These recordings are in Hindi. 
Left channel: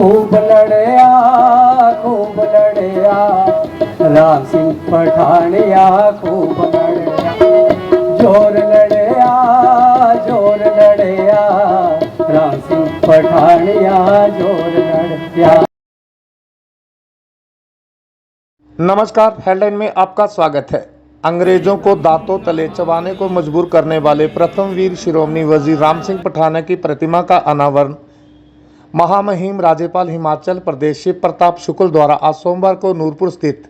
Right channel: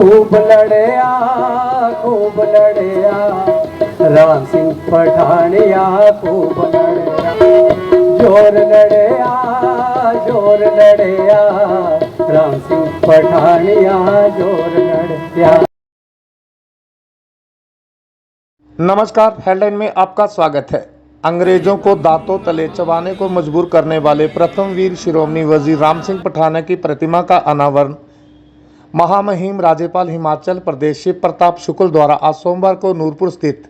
खूब लड़या राम सिंह पठानिया खूब लड़या जोर लड़या राम सिंह पठानिया जोर लड़या। नमस्कार, हेडलाइन में आपका स्वागत है। अंग्रेजों को दांतों तले चबाने को मजबूर करने वाले प्रथम वीर शिरोमणि वजीर राम सिंह पठानिया की प्रतिमा का अनावरण महामहिम राज्यपाल हिमाचल प्रदेश शिव प्रताप शुक्ल द्वारा आज सोमवार को नूरपुर स्थित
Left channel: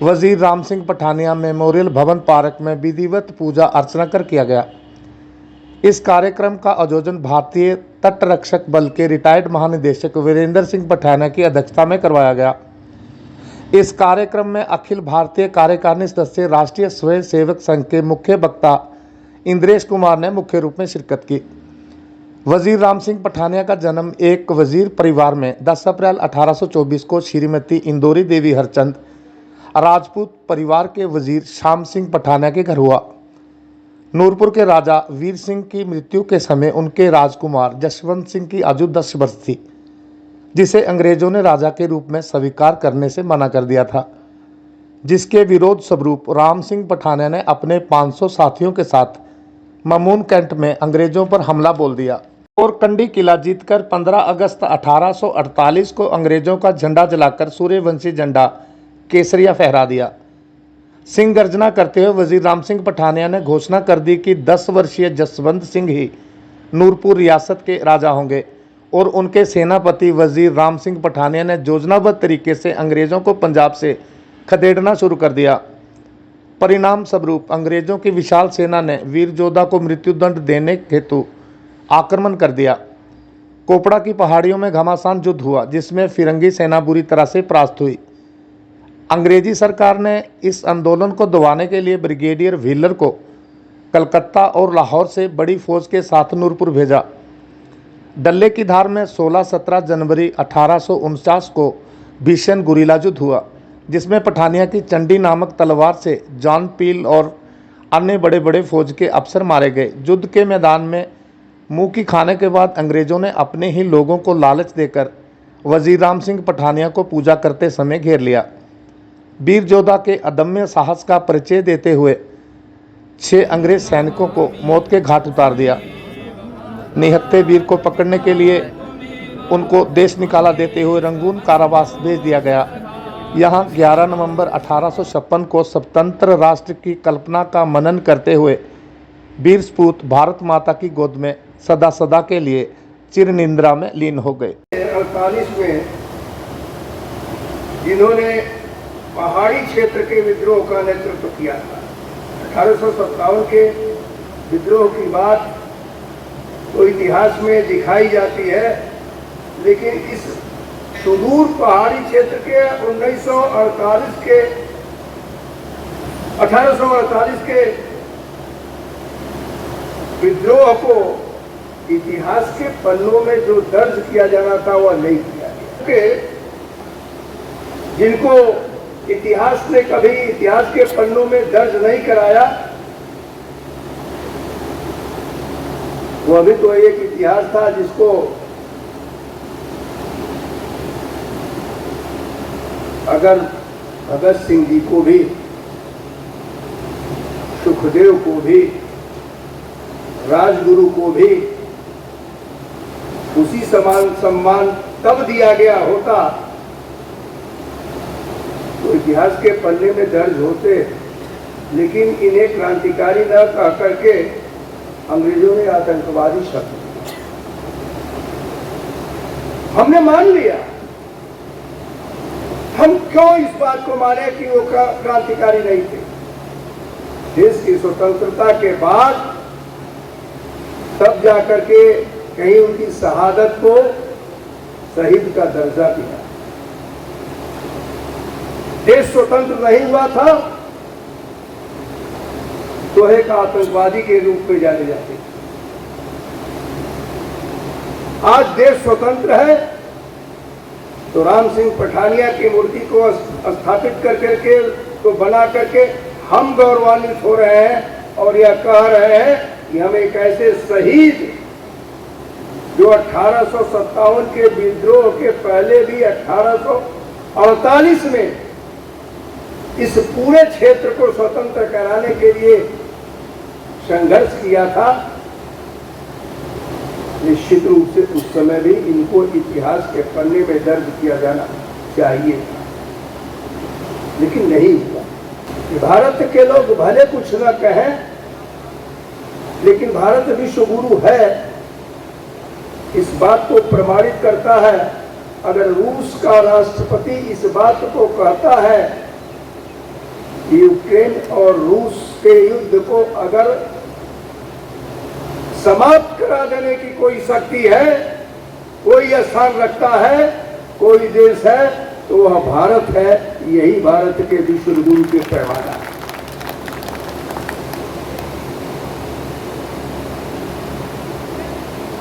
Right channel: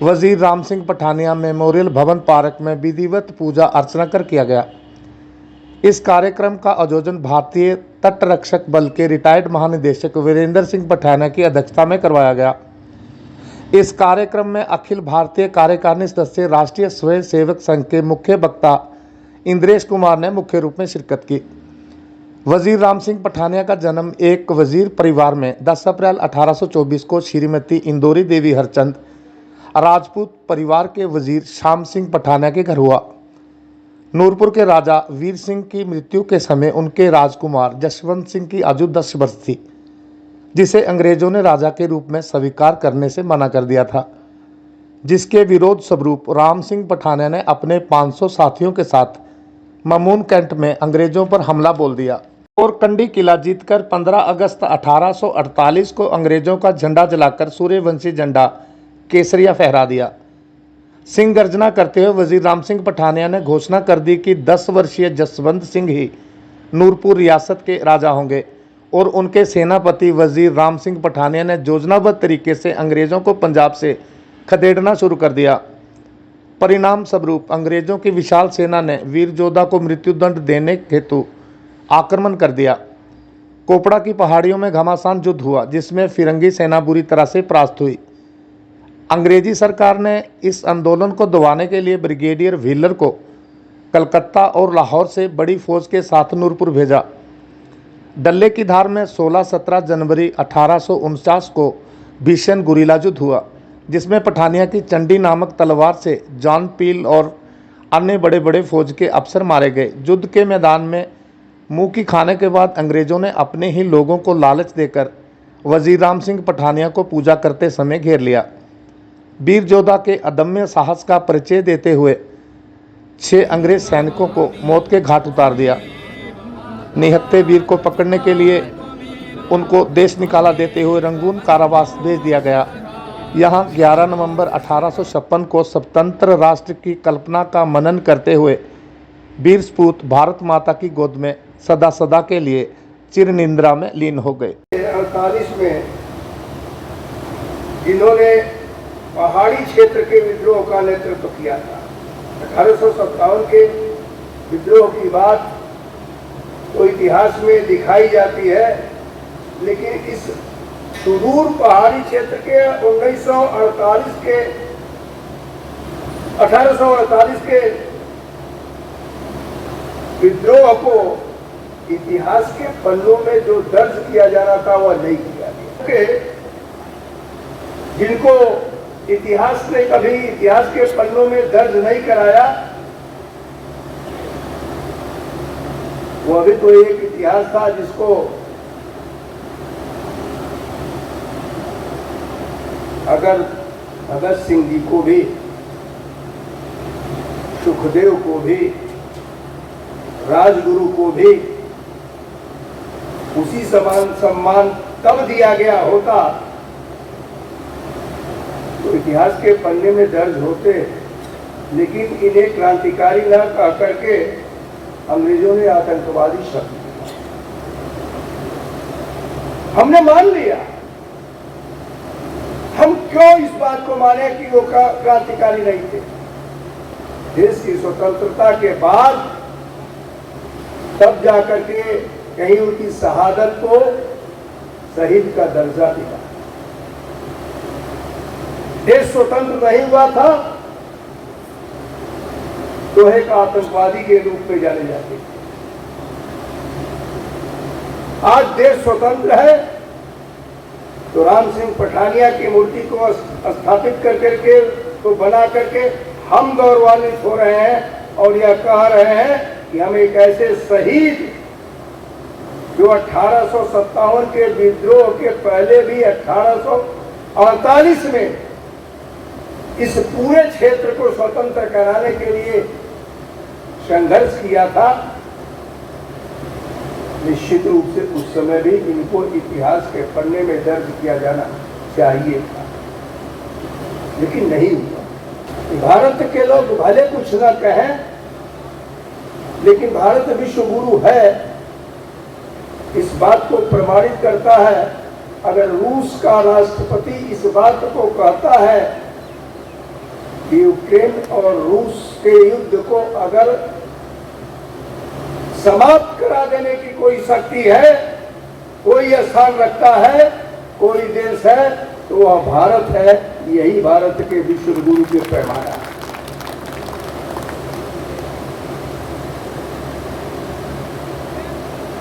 वजीर राम सिंह पठानिया मेमोरियल भवन पार्क में विधिवत पूजा अर्चना कर किया गया। इस कार्यक्रम का आयोजन भारतीय तटरक्षक बल के रिटायर्ड महानिदेशक वीरेंद्र सिंह पठानिया की अध्यक्षता में करवाया गया। इस कार्यक्रम में अखिल भारतीय कार्यकारिणी सदस्य राष्ट्रीय स्वयं सेवक संघ के मुख्य वक्ता इंद्रेश कुमार ने मुख्य रूप में शिरकत की। वजीर राम सिंह पठानिया का जन्म एक वजीर परिवार में 10 अप्रैल 1824 को श्रीमती इंदौरी देवी हरचंद राजपूत परिवार के वजीर श्याम सिंह पठानिया के घर हुआ। नूरपुर के राजा वीर सिंह की मृत्यु के समय उनके राजकुमार जसवंत सिंह की आयु 10 वर्ष थी, जिसे अंग्रेजों ने राजा के रूप में स्वीकार करने से मना कर दिया था, जिसके विरोध स्वरूप राम सिंह पठानिया ने अपने 500 साथियों के साथ ममून कैंट में अंग्रेजों पर हमला बोल दिया और कंडी किला जीतकर 15 अगस्त 1848 को अंग्रेजों का झंडा जलाकर सूर्यवंशी झंडा केसरिया फहरा दिया। सिंह गर्जना करते हुए वजीर राम सिंह पठानिया ने घोषणा कर दी कि 10 वर्षीय जसवंत सिंह ही नूरपुर रियासत के राजा होंगे और उनके सेनापति वजीर राम सिंह पठानिया ने योजनाबद्ध तरीके से अंग्रेजों को पंजाब से खदेड़ना शुरू कर दिया। परिणाम स्वरूप अंग्रेजों की विशाल सेना ने वीर योद्धा को मृत्युदंड देने हेतु आक्रमण कर दिया। कोपड़ा की पहाड़ियों में घमासान युद्ध हुआ, जिसमें फिरंगी सेना बुरी तरह से परास्त हुई। अंग्रेजी सरकार ने इस आंदोलन को दबाने के लिए ब्रिगेडियर व्हीलर को कलकत्ता और लाहौर से बड़ी फौज के साथ नूरपुर भेजा। डल्ले की धार में 16-17 जनवरी 1849 को भीषण गुरीला युद्ध हुआ, जिसमें पठानिया की चंडी नामक तलवार से जॉन पील और अन्य बड़े बड़े फौज के अफसर मारे गए। युद्ध के मैदान में मुंह की खाने के बाद अंग्रेजों ने अपने ही लोगों को लालच देकर वजीर राम सिंह पठानिया को पूजा करते समय घेर लिया। वीर योद्धा के अदम्य साहस का परिचय देते हुए 6 अंग्रेज सैनिकों को मौत के घाट उतार दिया। निहत्थे वीर को पकड़ने के लिए उनको देश निकाला देते हुए रंगून कारावास भेज दिया गया। यहाँ 11 नवंबर 1856 को स्वतंत्र राष्ट्र की कल्पना का मनन करते हुए वीर सपूत भारत माता की गोद में सदा सदा के लिए चिर निंद्रा में लीन हो गए। 48 में जिन्होंने पहाड़ी क्षेत्र के विद्रोह का नेतृत्व किया था, 1857 के विद्रोह की बात तो इतिहास में दिखाई जाती है, लेकिन इस सुदूर पहाड़ी क्षेत्र के 1848 के विद्रोह को इतिहास के पन्नों में जो दर्ज किया जाना था वह नहीं किया गया। जिनको इतिहास ने कभी इतिहास के पन्नों में दर्ज नहीं कराया, वो भी तो एक इतिहास था जिसको अगर भगत सिंह जी को भी, सुखदेव को भी, राजगुरु को भी उसी समान सम्मान तब दिया गया होता तो इतिहास के पन्ने में दर्ज होते, लेकिन इन्हें क्रांतिकारी न कह करके अंग्रेजों ने आतंकवादी शब्द हमने मान लिया। हम क्यों इस बात को माने कि वो क्रांतिकारी नहीं थे? देश की स्वतंत्रता के बाद तब जाकर के कहीं उनकी शहादत को शहीद का दर्जा दिया। देश स्वतंत्र नहीं हुआ था तो एक आतंकवादी के रूप में जाने जाते। आज देश स्वतंत्र है तो राम सिंह पठानिया की मूर्ति को स्थापित कर करके तो बना करके हम गौरवान्वित हो रहे हैं और यह कह रहे हैं कि हम एक ऐसे शहीद जो 1857 के विद्रोह के पहले भी 1848 में इस पूरे क्षेत्र को स्वतंत्र कराने के लिए संघर्ष किया था, निश्चित रूप से उस समय भी इनको इतिहास के पन्ने में दर्ज किया जाना चाहिए, लेकिन नहीं हुआ। भारत के लोग भले कुछ न कहें, लेकिन भारत विश्व गुरु है, इस बात को प्रमाणित करता है। अगर रूस का राष्ट्रपति इस बात को कहता है कि यूक्रेन और रूस के युद्ध को अगर समाप्त करा देने की कोई शक्ति है, कोई स्थान रखता है, कोई देश है, तो वह भारत है। यही भारत के विश्व गुरु के पैमाना है।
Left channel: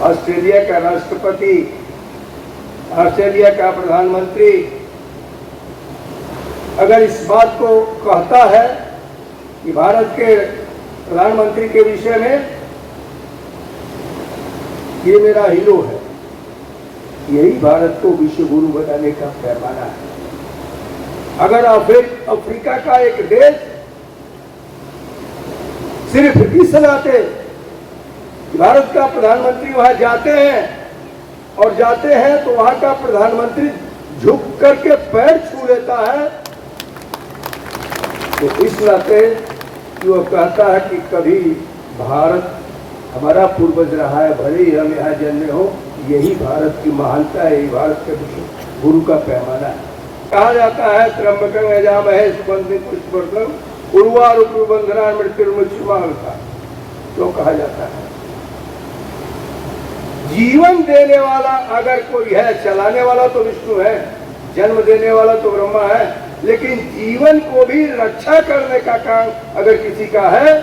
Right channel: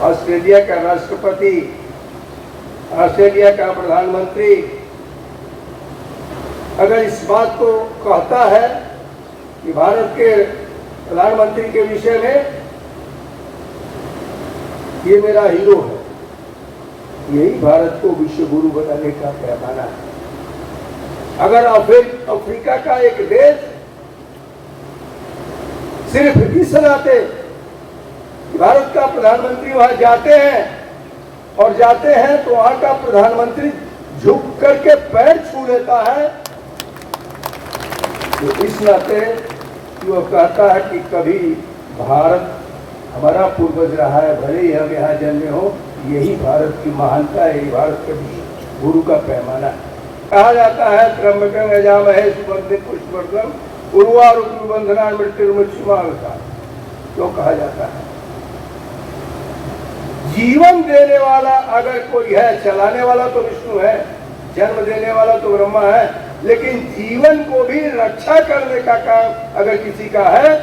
ऑस्ट्रेलिया का राष्ट्रपति, ऑस्ट्रेलिया का प्रधानमंत्री अगर इस बात को कहता है कि भारत के प्रधानमंत्री के विषय में ये मेरा हीरो है, यही भारत को विश्व गुरु बनाने का पैमाना है। अगर अफ्रीका का एक देश सिर्फ इस नाते भारत का प्रधानमंत्री वहां जाते हैं तो वहां का प्रधानमंत्री झुक करके पैर छू लेता है, तो इस नाते वह कहता है कि कभी भारत हमारा पूर्वज रहा है, भले ही हम यहाँ जन्मे हो, यही भारत की महानता है, यही भारत के गुरु का पैमाना है। कहा जाता है त्र्यंबकं यजामहे सुगंधिं पुष्टिवर्धनम् उर्वारुकं बन्धनान् मृत्युर्मुक्षीयमामृतात्, क्यों कहा जाता है? जीवन देने वाला अगर कोई है, चलाने वाला तो विष्णु है, जन्म देने वाला तो ब्रह्मा है, लेकिन जीवन को भी रक्षा करने का काम अगर किसी का है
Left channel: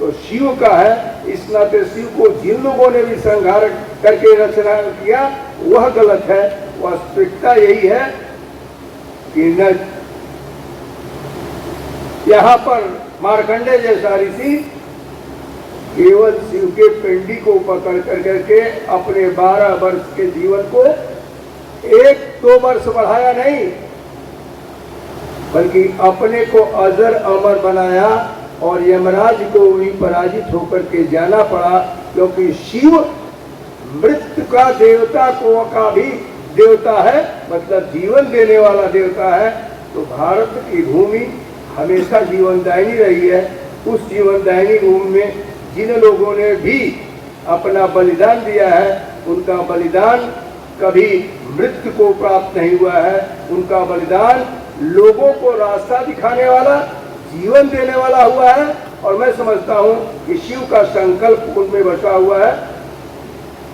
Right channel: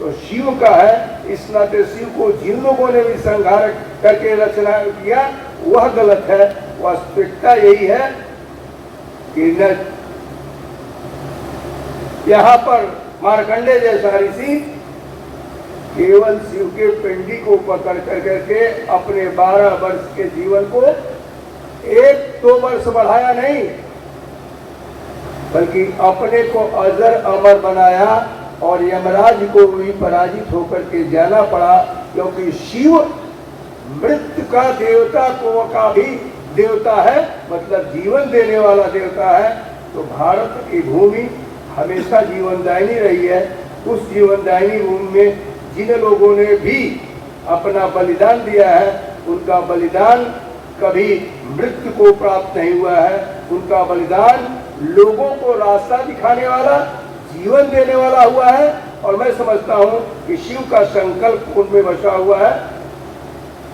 तो शिव का है। इस नाते शिव को जिन लोगों ने भी संहार करके रचना किया वह गलत है। वास्तविकता यही है कि न यहाँ पर मार्कंडे जैसा ऋषि केवल शिव के पिंडी को पकड़ कर करके अपने 12 वर्ष के जीवन को 1-2 वर्ष बढ़ाया नहीं, बल्कि अपने को अजर अमर बनाया और यमराज को भी पराजित होकर के जाना पड़ा, क्योंकि शिव मृत्यु का देवता को का भी देवता है, मतलब जीवन देने वाला देवता है। तो भारत की भूमि हमेशा जीवनदायिनी रही है। उस जीवनदायिनी भूमि में जिन लोगों ने भी अपना बलिदान दिया है, उनका बलिदान कभी मृत्यु को प्राप्त नहीं हुआ है। उनका बलिदान लोगों को रास्ता दिखाने वाला, जीवन देने वाला हुआ है। और मैं समझता हूं कि शिव का संकल्प उनमें बसा हुआ है।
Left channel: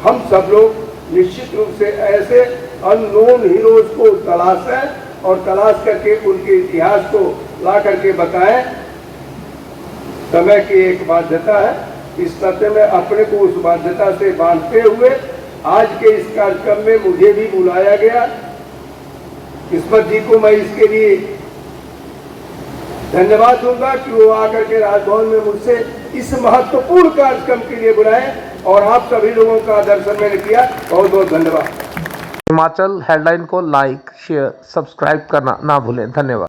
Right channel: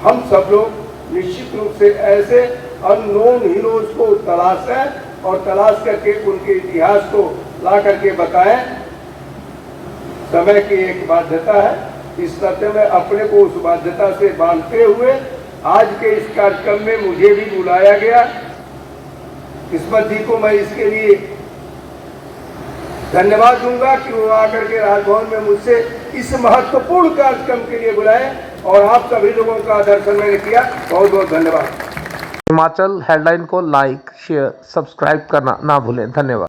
हम सब लोग निश्चित रूप से ऐसे अननोन हीरोज को तलाशें और तलाश करके उनके इतिहास को ला करके बताएं। समय की एक बाध्यता है, इस नाते में अपने को उस बाध्यता से बांधते हुए आज के इस कार्यक्रम में मुझे भी बुलाया गया। किस्मत जी को मैं इसके लिए धन्यवाद दूंगा कि वो आकर के राजभवन में मुझसे इस महत्वपूर्ण कार्यक्रम के लिए बुलाए, और आप सभी लोगों का दर्शन मैंने किया। बहुत बहुत धन्यवाद। हिमाचल हेडलाइन को लाइक, शेयर, सब्सक्राइब करना ना भूलें। धन्यवाद।